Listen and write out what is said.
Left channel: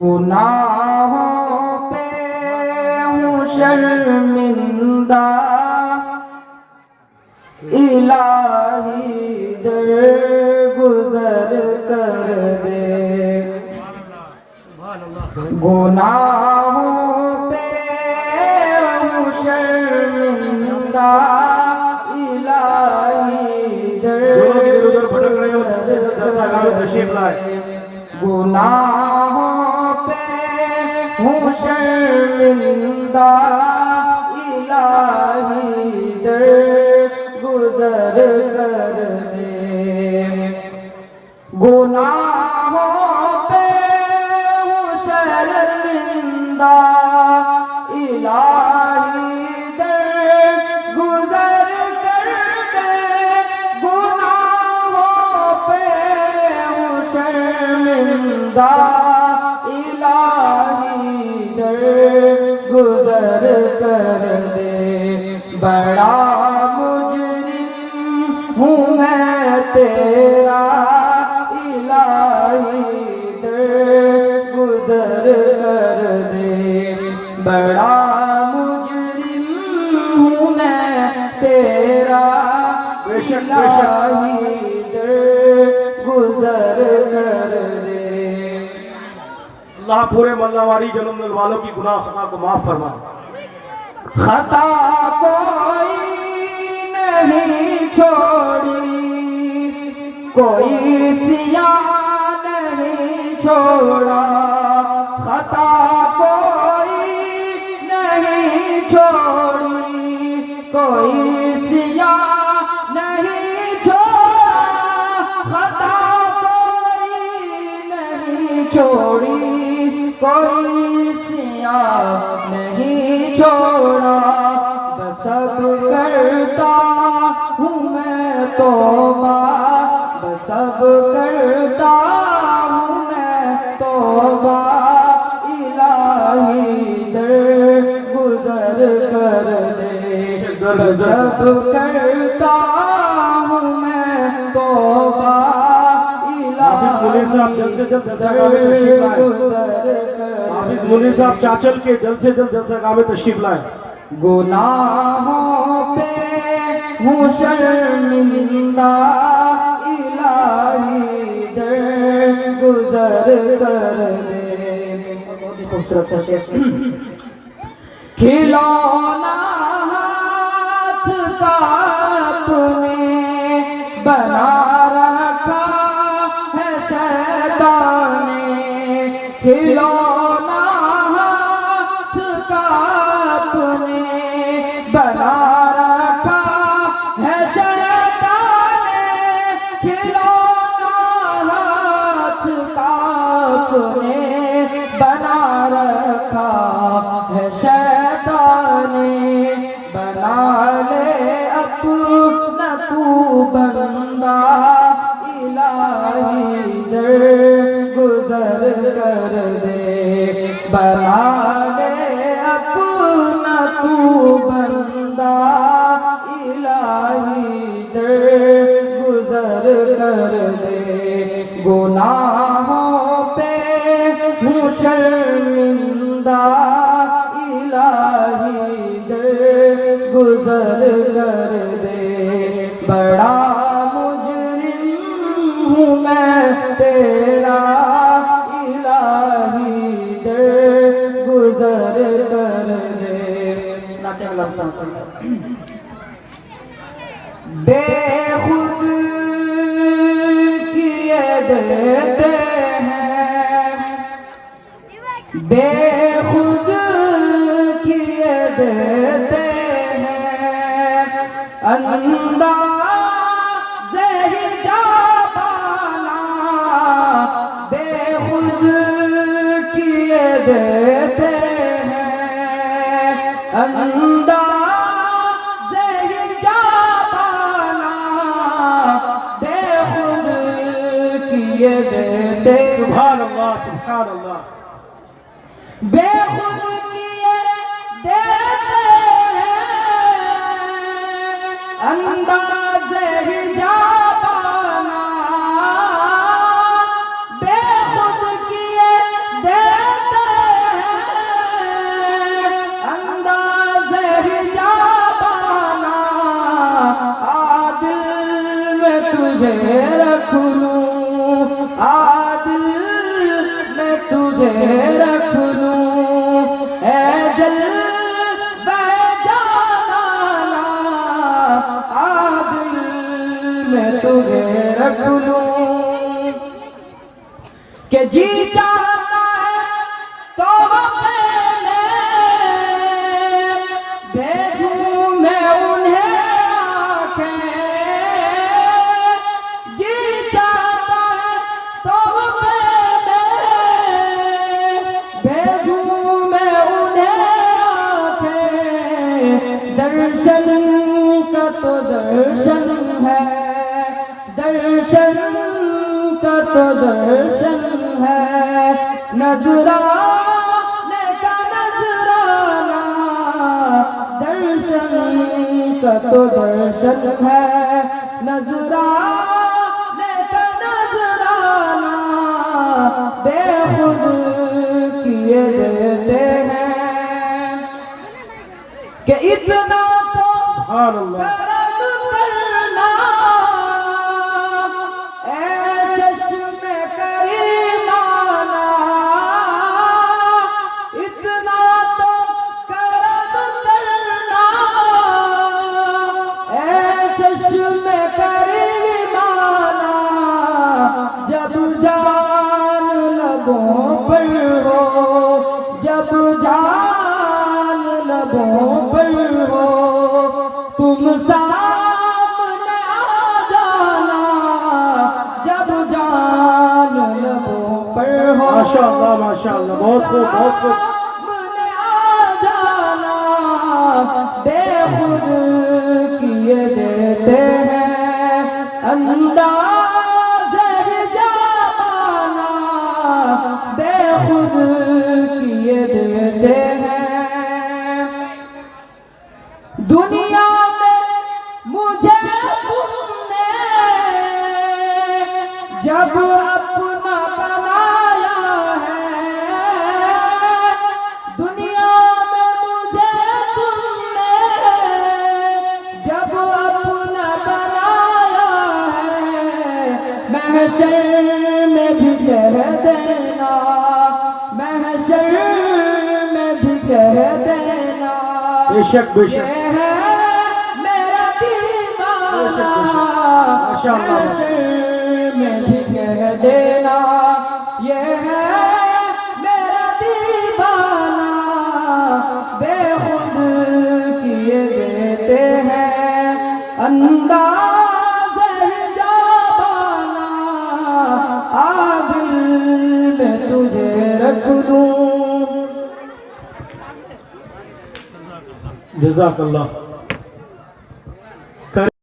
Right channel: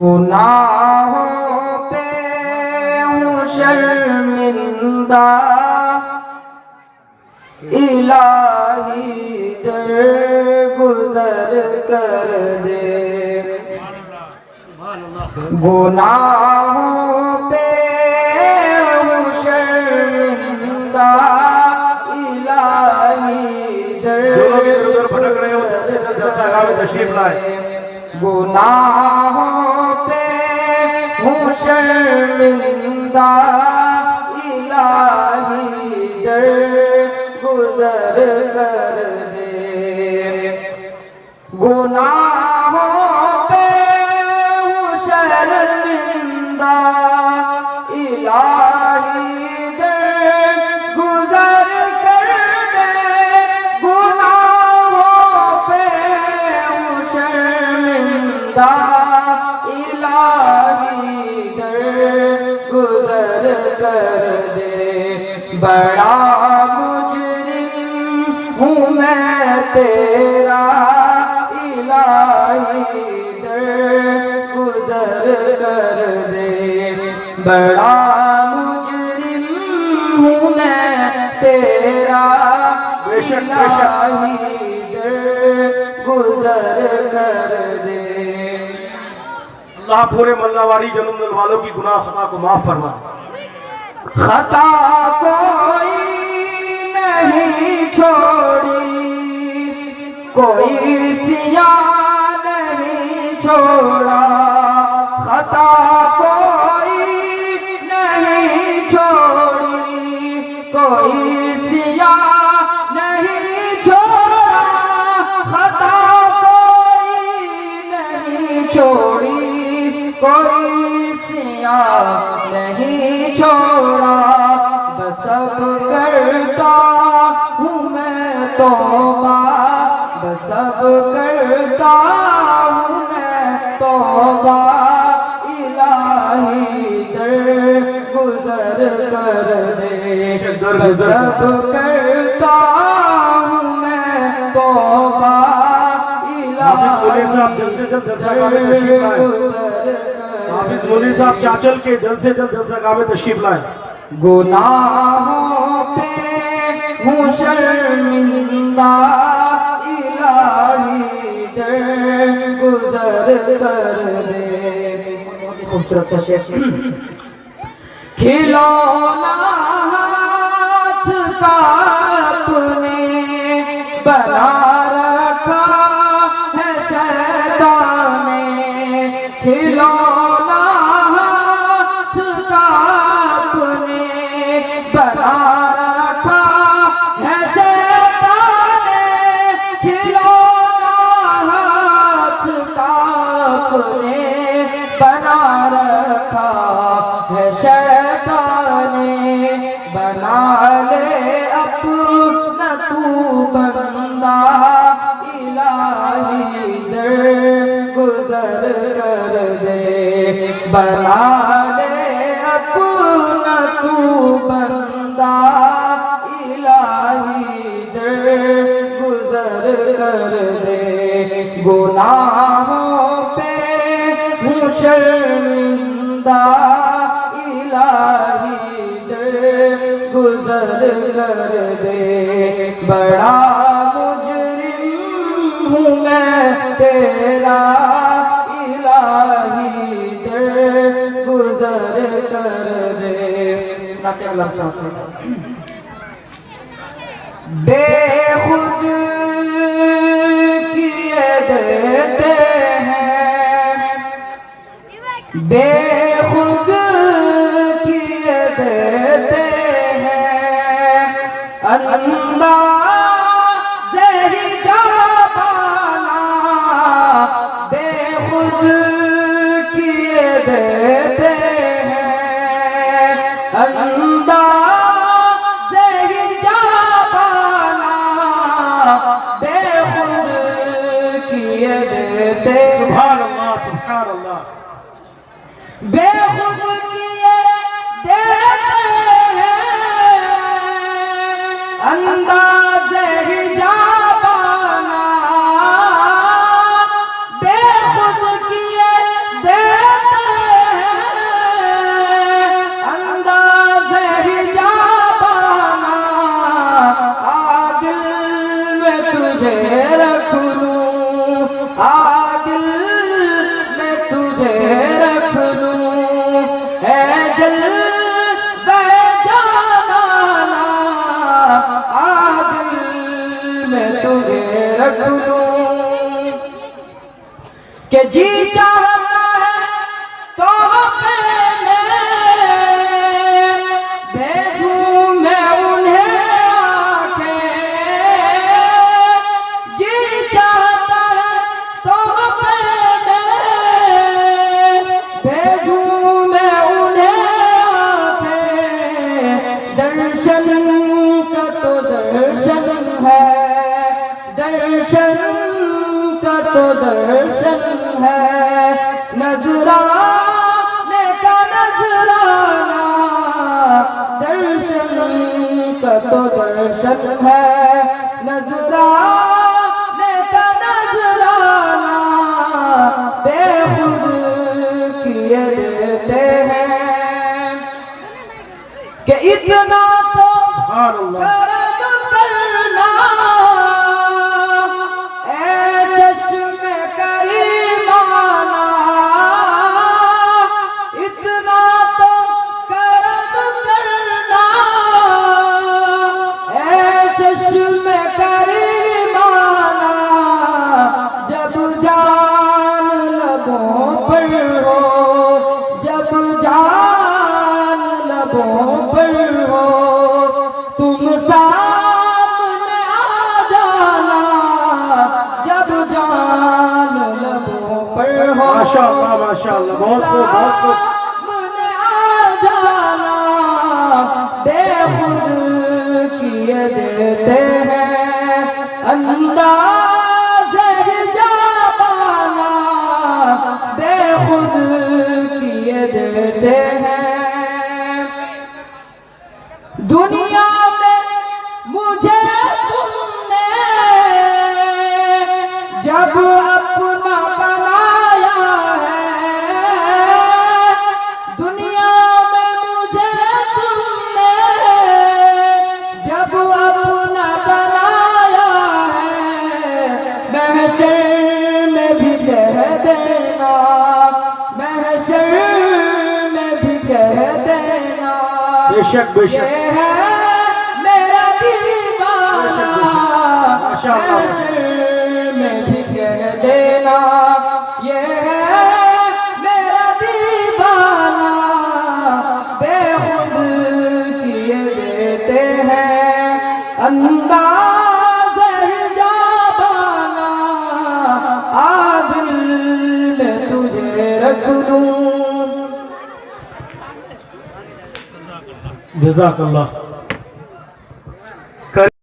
गुनाहों पे हूँ शर्मिंदा, इलाही दर गुजर कर दे। गुनाहों पे हूँ शर्मिंदा, इलाही दर गुजर कर दे। गुनाहों हूँ शर्मिंदा, इलाही दर गुजर कर दे। गुनाहों पे हूँ शर्मिंदा, इलाही दर गुजर कर दे। गुनाहों पे हूँ शर्मिंदा, गुजर कर दे। बड़ा मुजरिम हूँ मैं तेरा, इलाही दर गुजर कर दे। बड़ा मुजरिम हूँ मैं तेरा, इलाही दर गुजर कर दे। अल्लाह पूरे मल्लावाड़ी जन्म वालों की गुनाह खता को माफ फरमा। खता कोई नहीं छोड़ी, कोई सिया नहीं छोड़ा। खता कोई नहीं छोड़ी, कोई सिया नहीं छोड़ा। खता कोई नहीं छोड़ी, कोई सिया नहीं छोड़ा। बस अब करता हूँ मैं तौबा, बस अब करता हूँ मैं तौबा, इलाही दर गुजर कर दे। बस अब करता हूँ मैं तौबा, हाफिज मुनीर साहब चाचल के जल्द से जल्द जलसा में तशरीफ लाए। गुनाहों पे हूँ शर्मिंदा, इलाही दर गुजर कर दे। खूबसूरत सा शेर। खिलौना हाथ का अपने बना रखा है शैतान ने। खिलौना हाथ का अपने बना रखा है शैतान ने। खिलौना हाथ का अपने बना रखा है शैतान ने। बना ले अपना तू बंदा, इलाही दर गुजर कर दे। बना ले अपना तू बंदा, इलाही दर गुजर कर दे। गुनाहों पे हूँ शर्मिंदा, इलाही दर गुजर कर दे। बड़ा मुजरिम हूँ मैं तेरा, इलाही दर गुजर कर दे। बेखुद किए देते हैं, बेखुद किए देते हैं। अंदाज़े हिजाबाना बेखुद किए देते हैं। अंदाज़े हिजाबाना बेखुद किए देते हैं। सुभान अल्लाह, सुभान अल्लाह। बेखुद किए देते हैं, अंदाज़े हिजाबाना बेखुद किए देते तुझे रख लूं, ऐ जलवे जानाना आदिल में तुझे रख लूं। कि जी चाहता है तो मैंने भेजूं मैं उन्हें आके, जी चाहता है तो मैंने भेजूं मैं उन्हें आके। दर्शन का तो दर्शन है, दर्शन का तो दर्शन है, नजराने का नजराना दर्शन का तो दर्शन है, नजराने का नजराना बेखुद किए देते हैं। कि इतना तो सुभान अल्लाह। करम करना ऐ चश्मे करीमाना, इतना तो करम करना ऐ चश्मे करीमाना। जब जान लबों पर हो, जब जान लबों पर हो, तुम सामने आ जाना। जब जान लबों पर हो, माशाअल्लाह माशाअल्लाह, बहुत खूब बहुत खूब। सामने आ जाना बेखुद किए देते हैं, अंदाज़ हिजाबाना बेखुद किए देते हैं। दुनिया में मुझे तुमने जब अपना बनाया है, दुनिया में मुझे तुमने जब अपना बनाया है। महशर में भी कह देना, महशर में भी कह देना, बेशक बेशक। ये है मेरा दीवाना। माशाअल्लाह। महशर में भी कह देना, ये है मेरा दीवाना। बेखुद किए देते हैं, अंदाज़ हिजाबाना आदिल में तुझे रख दूं। जज़ाकल्लाह।